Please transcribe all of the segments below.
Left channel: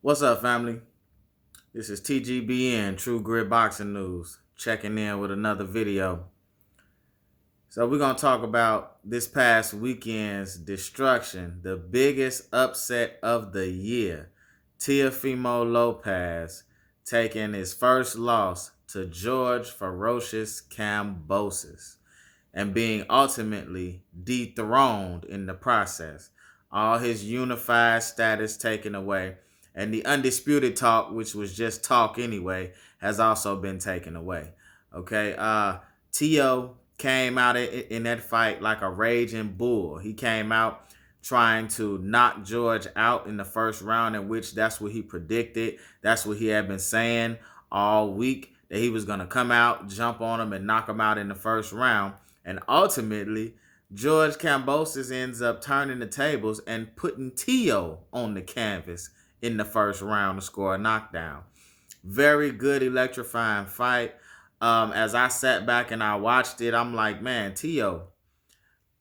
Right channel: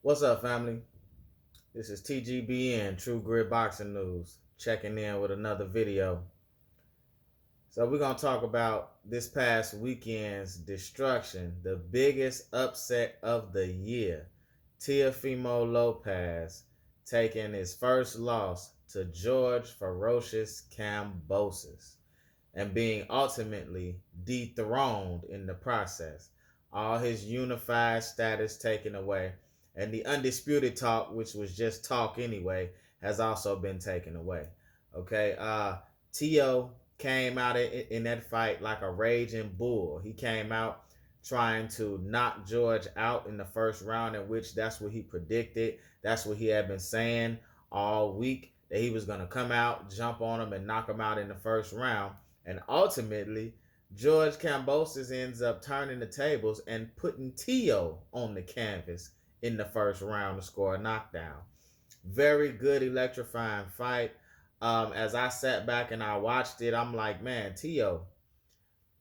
What's up, family? This is TGBN, True Grit Boxing News, checking in with another video. So, we're going to talk about this past weekend's destruction, the biggest upset of the year. Teofimo Lopez taking his first loss to George Ferocious Kambosos and being ultimately dethroned in the process. All his unified status taken away. And the undisputed talk, which was just talk anyway, has also been taken away. Okay. Tio came out in that fight like a raging bull. He came out trying to knock George out in the first round, in which that's what he predicted. That's what he had been saying all week, that he was going to come out, jump on him, and knock him out in the first round. And ultimately, George Kambosos ends up turning the tables and putting Tio on the canvas in the first round to score a knockdown. Very good, electrifying fight. As I sat back and I watched it, I'm like, man, Tio,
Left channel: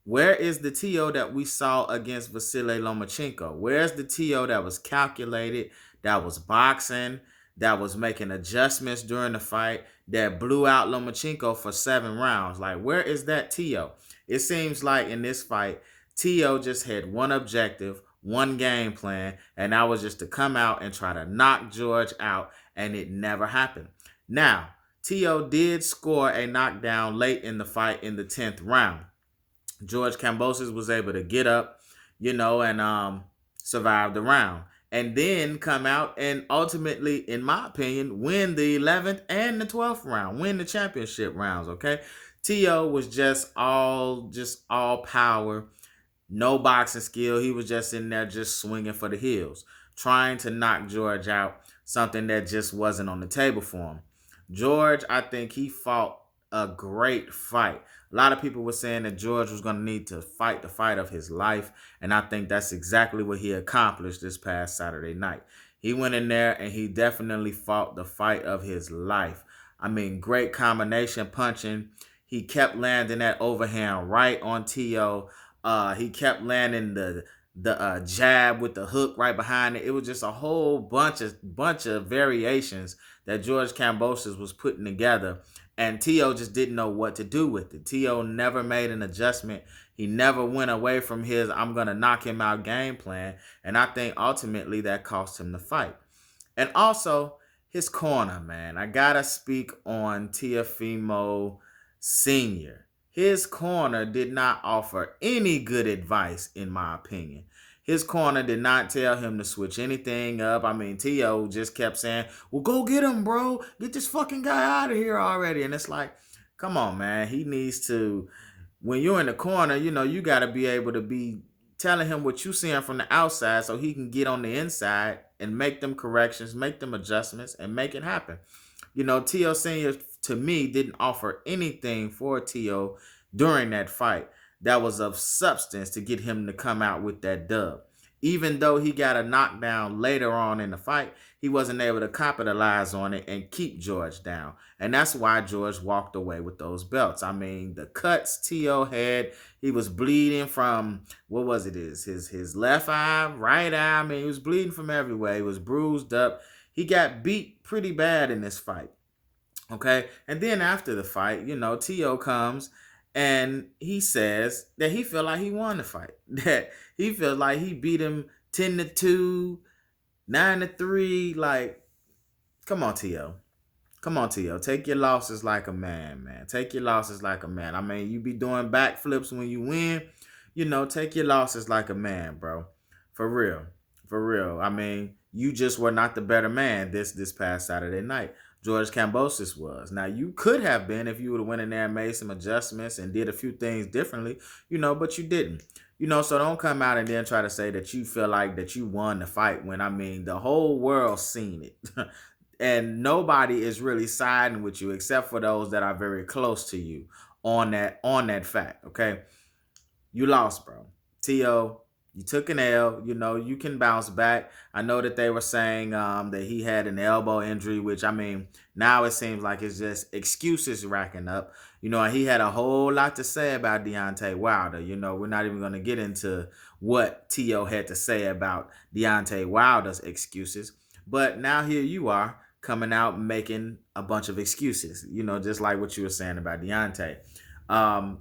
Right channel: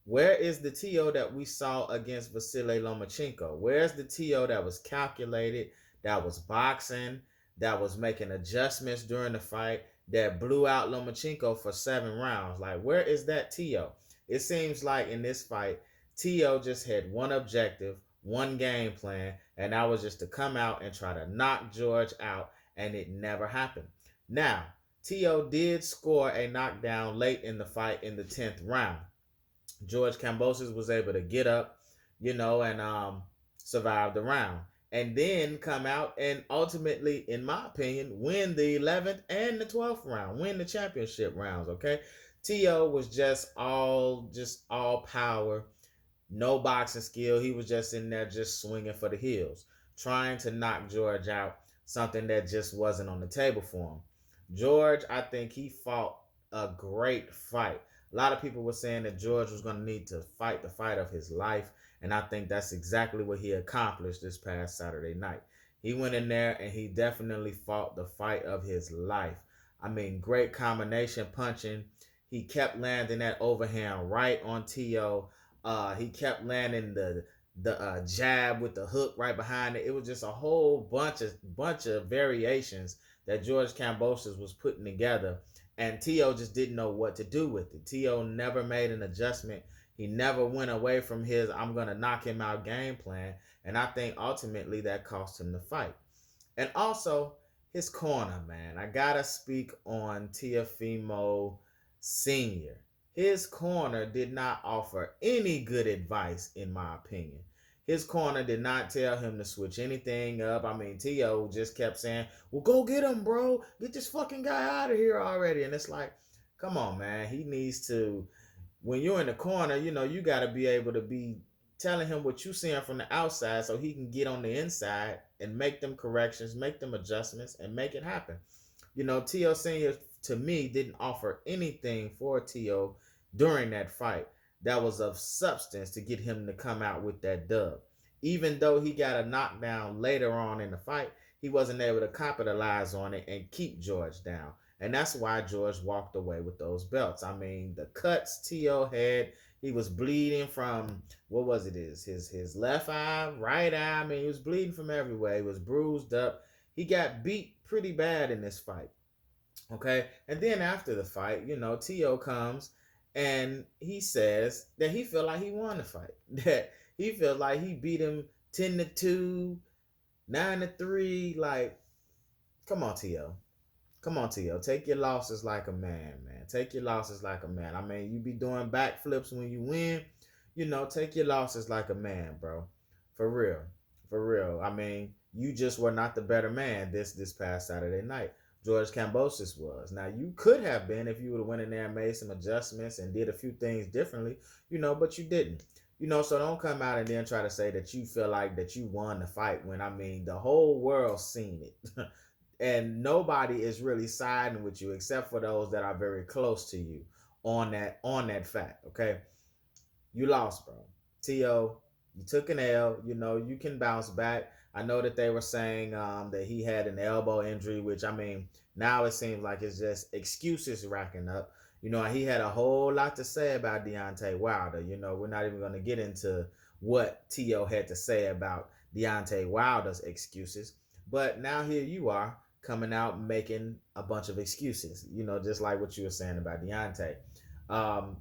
where is the Tio that we saw against Vasily Lomachenko? Where's the Tio that was calculated, that was boxing, that was making adjustments during the fight, that blew out Lomachenko for 7 rounds? Like, where is that Tio? It seems like in this fight, Tio just had one objective, one game plan, and that was just to come out and try to knock George out, and it never happened. Now, Tio did score a knockdown late in the fight in the 10th round. George Kambosos was able to get up, and survive the round. And then come out and ultimately, in my opinion, win the 11th and the 12th round, win the championship rounds, okay? Tio was just all power, no boxing skill. He was just in there just swinging for the hills, trying to knock George out, something that just wasn't on the table for him. George, I think he fought a great fight. A lot of people were saying that George was going to need to fight the fight of his life, and I think that's exactly what he accomplished this past Saturday night. He went in there and he definitely fought the fight of his life. I mean, great combination punching. He kept landing that overhand right on Tio. He kept landing the jab with the hook right behind it. It was just a whole bunch of variations that George Kambosos was putting together, and Tio just didn't know what to do with it. Tio never made an adjustment. He never went away from his "I'm gonna knock him out" game plan, and I think ultimately that cost him the fight. And also his corner, man. I gotta speak on Teofimo Senior. His corner did not offer any good advice, in my opinion. His corner did not tell him to switch anything up. I mean, Tio just kept saying, "Well, go get him, bro. Get this fucking guy out of here already." And it's like, come on, man. He needs to, when you're in the corner, you got to be able to be telling him what you seeing from the outside so he can get on the inside and make them corrections, make them adjustments, and make it happen. Tio Senior, to me, didn't offer anything for Tio during that fight that was of substance to get him to come out with that dub. Even though he got a knockdown later on in the fight, he wasn't able to capitalize on it and keep George down. And that's why George walked away with those belts. I mean, the cuts Tio had, he was bleeding from, what was it, his left eye, right eye. I mean, he was bleeding from everywhere. He was bruised up. He got beat pretty bad in this fight. Okay. And then after the fight, Tio comes and he says that he felt like he won the fight. That he felt like he beat him 10-2, 9-3. Like, come on, Tio. Come on, Tio. Take your losses like a man, man. Take your losses like a man. I mean, you be doing backflips when you win. Take your losses like a man, bro. For real. For real. I mean, you just were not the better man this past Saturday night. George Kambosos was. Now, you could have been if you would have went in there and made some adjustments and did a few things differently, but you didn't. So don't come out and then try to say that you feel like that you won the fight when, I mean, the whole world's seen it. And nobody is really siding with you except for those that are very close to you on that fact. Okay, you lost, bro. Tio, you took an L. You can bounce back. I know that they were saying that he had an elbow injury, which, I mean, now it seems like it's just excuses racking up. And he had a whole lot to say about Deontay Wilder. We're not even going to get into what Tio had to say about Deontay Wilder's excuses. But now here you are coming out making a bunch of excuses, just like what you were saying about Deontay.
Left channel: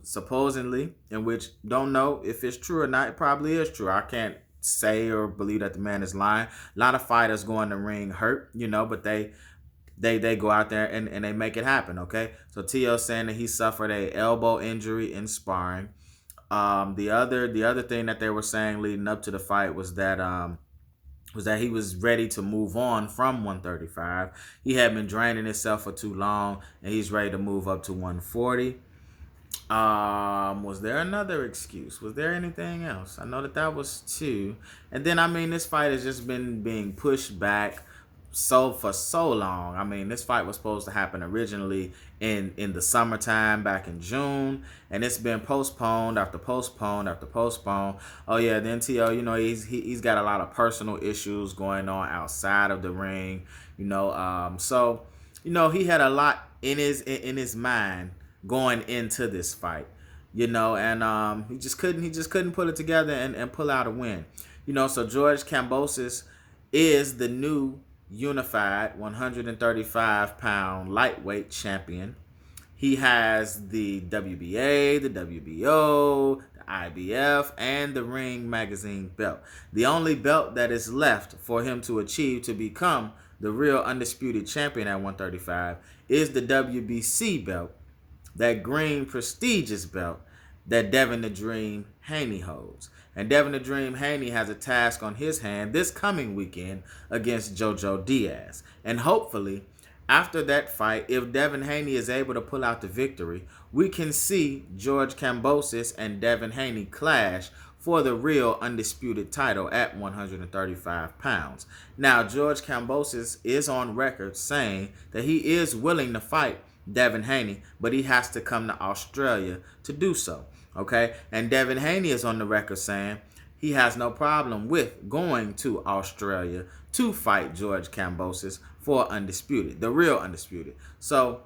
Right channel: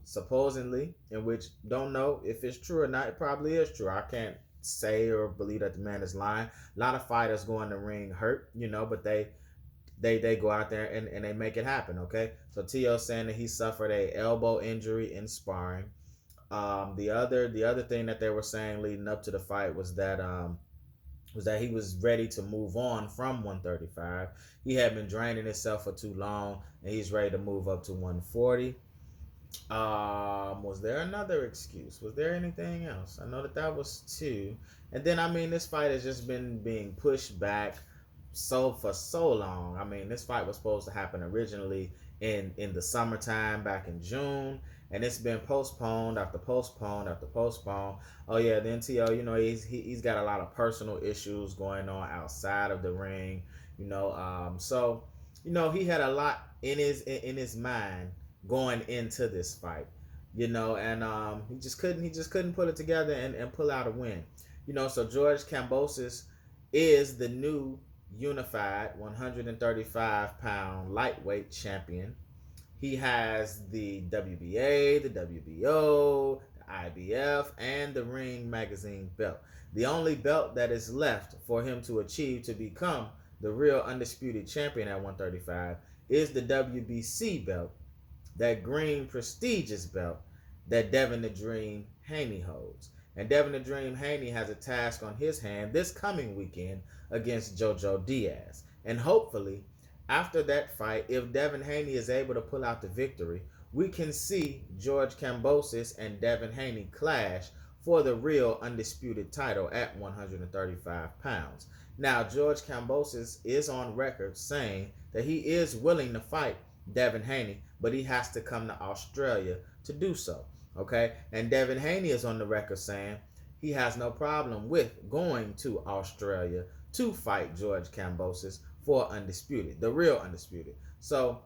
Supposedly, in which don't know if it's true or not. It probably is true. I can't say or believe that the man is lying. A lot of fighters go in the ring hurt, but they go out there and they make it happen. Okay, so Tio saying that he suffered a elbow injury in sparring. The other thing that they were saying leading up to the fight was that he was ready to move on from 135. He had been draining himself for too long, and he's ready to move up to 140. Was there another excuse? Was there anything else? I know that was two. And then this fight has just been being pushed back for so long. This fight was supposed to happen originally in the summertime back in June, and it's been postponed after postponed after postponed. Oh yeah, then T.O., he's got a lot of personal issues going on outside of the ring. So he had a lot in his mind going into this fight, and he just couldn't put it together and pull out a win. So George Kambosos is the new unified 135-pound lightweight champion. He has the WBA, the WBO, the IBF, and the Ring Magazine belt. The only belt that is left for him to achieve to become the real undisputed champion at 135 is the WBC belt, that green prestigious belt that Devin the Dream Haney holds. And Devin the Dream Haney has a task on his hand this coming weekend against Jojo Diaz. And hopefully, after that fight, if Devin Haney is able to pull out the victory, we can see George Kambosos and Devin Haney clash for the real undisputed title at 135 pounds. Now, George Kambosos is on record saying that he is willing to fight Devin Haney, but he has to come to Australia to do so. Okay, and Devin Haney is on the record saying he has no problem with going to Australia to fight George Kambosos for undisputed, the real undisputed. So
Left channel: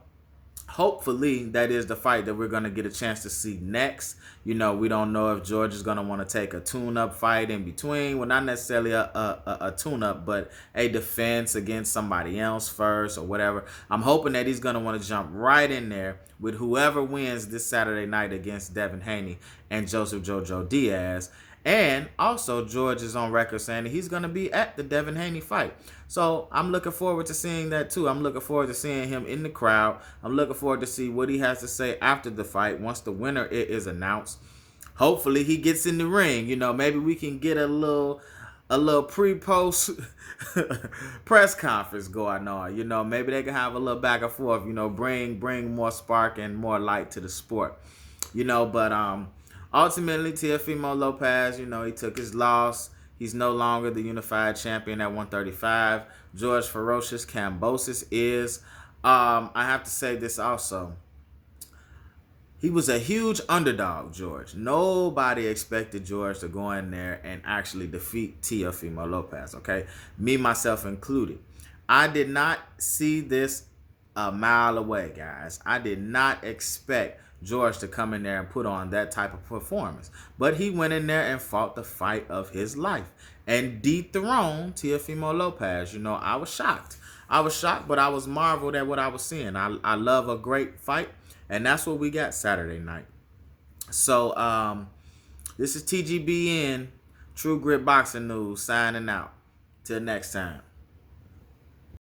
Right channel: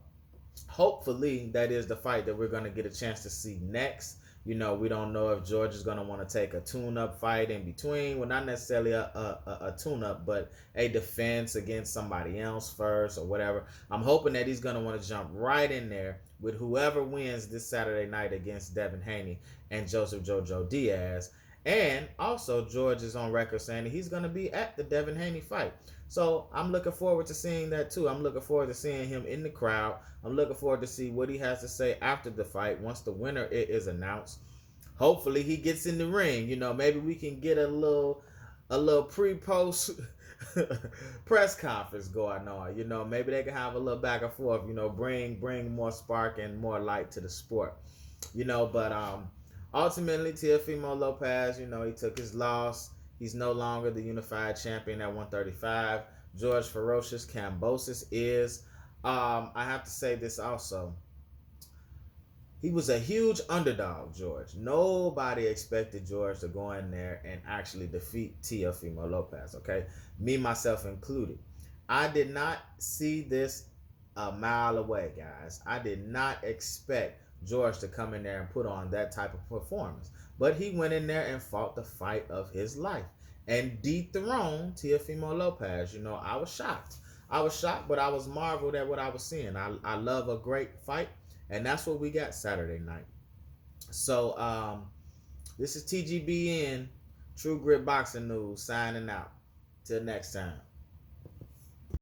hopefully that is the fight that we're going to get a chance to see next. We don't know if George is going to want to take a tune-up fight in between. Well, not necessarily a tune-up, but a defense against somebody else first or whatever. I'm hoping that he's going to want to jump right in there with whoever wins this Saturday night against Devin Haney and Joseph Jojo Diaz. And also, George is on record saying that he's going to be at the Devin Haney fight. So I'm looking forward to seeing that too. I'm looking forward to seeing him in the crowd. I'm looking forward to see what he has to say after the fight once the winner is announced. Hopefully he gets in the ring. Maybe we can get a little pre-post press conference going on. Maybe they can have a little back and forth. Bring more spark and more light to the sport. But ultimately, Teofimo Lopez, he took his loss. He's no longer the unified champion at 135. George Ferocious Kambosos is. I have to say this also. He was a huge underdog, George. Nobody expected George to go in there and actually defeat Teofimo Lopez, okay? Me, myself included. I did not see this a mile away, guys. I did not expect George to come in there and put on that type of performance. But he went in there and fought the fight of his life and dethroned Teofimo Lopez. I was shocked. But I was marveled at what I was seeing. I love a great fight, and that's what we got Saturday night. So this is TGBN, True Grit Boxing News, signing out. Till next time.